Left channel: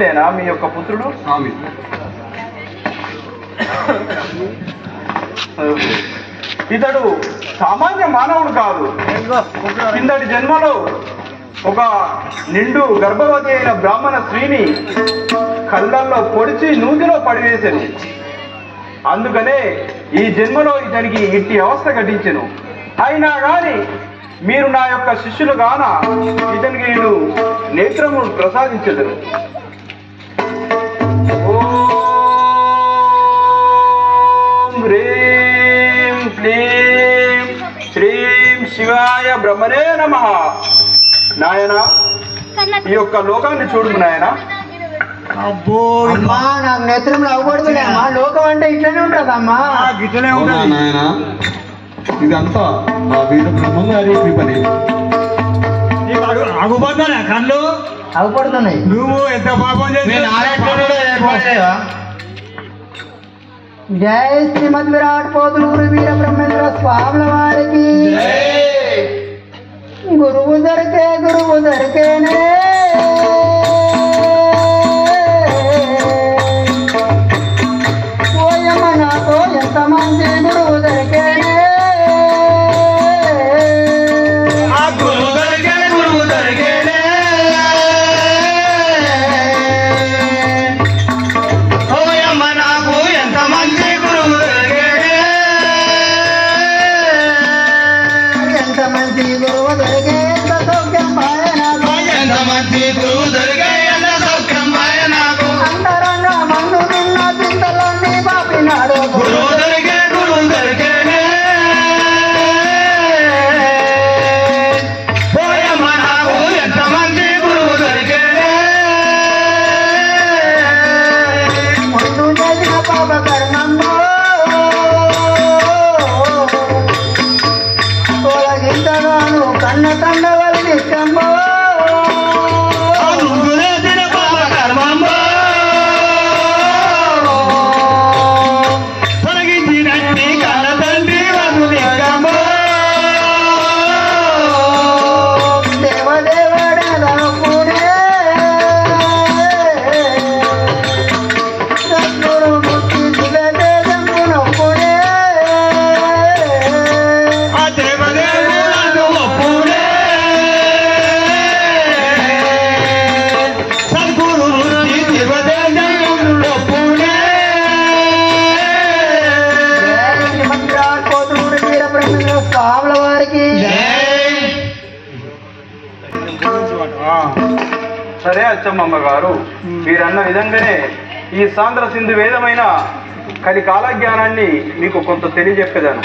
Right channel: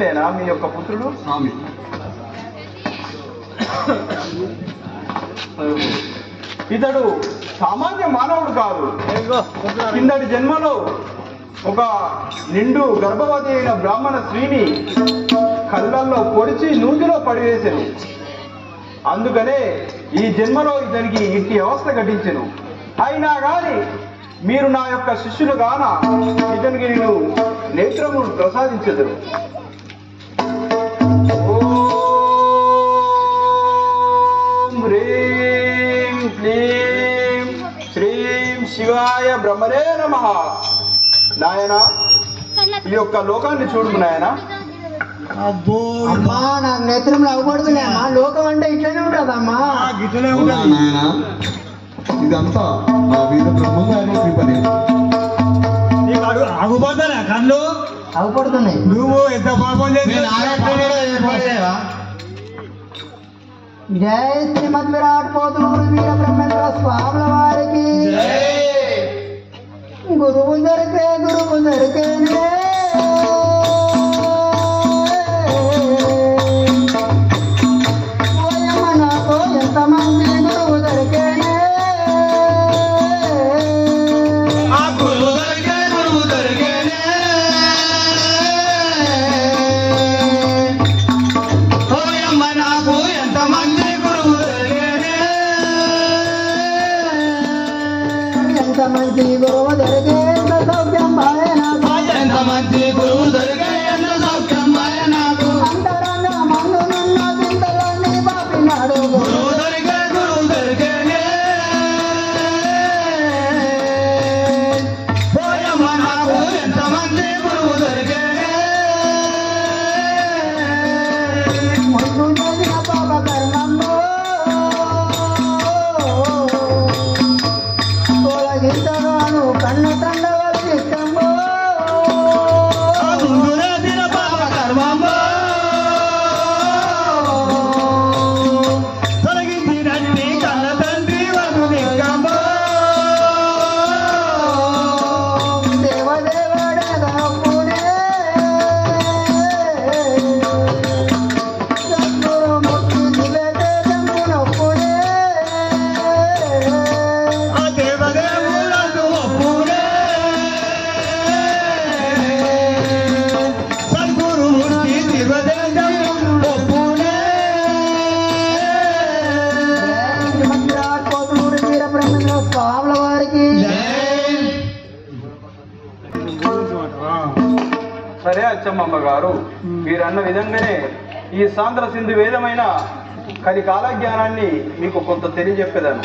ఇతడేనా మీ యొక్క పుత్రుడు? స్వామి, ఇతడు సామాన్య మానవుడు కాదు. కిందటి జన్మలో ఒక నిండు గర్భవతి అయిన బ్రాహ్మణ స్త్రీని కళ్ళల్లో పొడిచి నూతిలో పడివేశాను. అందుకనే ఈ జన్మలో ఇతనికి ఇట్టి అవస్థ ఘటించెను. అయినా గాని మీరు నా యొక్క శిష్యులు గాన ఇతనికి నేను నేత్రము ప్రసాదించదును. ఓం హ్రీం క్లీం శ్రీం శివాయ బ్రహ్మణే నమః. నాయన, ఈ యొక్క లోకాన్ని చూడు నాయన. అబ్బో అమ్మా, నాకు నేత్రంలో అవపడుతున్నాయి అమ్మా. లోకం అంటే ఇట్లనే ఉంటదమ్మా, ఇట్లనే ఉంటుంది నాయన. ఇదంతా ఆ వీర బ్రహ్మం గారి కృపనే. నీకు ఆగుపోతానా కళ్ళు? అవపడుతున్నాయి. నువ్వు ఎంత పాపం చేసి జై శ్రీమద్ విరాట్ పోతులూరు వీర బ్రహ్మేంద్ర స్వాముల వారికి. గురువు దొరికేనే ఓయమ్మ, నాకు ఎంతమంది గురువు దొరికేనే. మంచి గురువు దొరికే ఎంత సౌఖ్యం నాకు. అంతరంగా మందు నిన్న చింతలన్నీ పాపినాడు. ముందు చేసిన పాప కర్మంలో తొలగించగాను కన్న తండ వలకి ఇష్టంబో. సరే అచ్చమ్మమ్మ గారు, మీరన్న విధంగానే ఈ సాంద్ర సింధు వేదమైన కలి కాలజ్ఞానాన్ని మీకు కొంత తెలియజెప్పేదాను.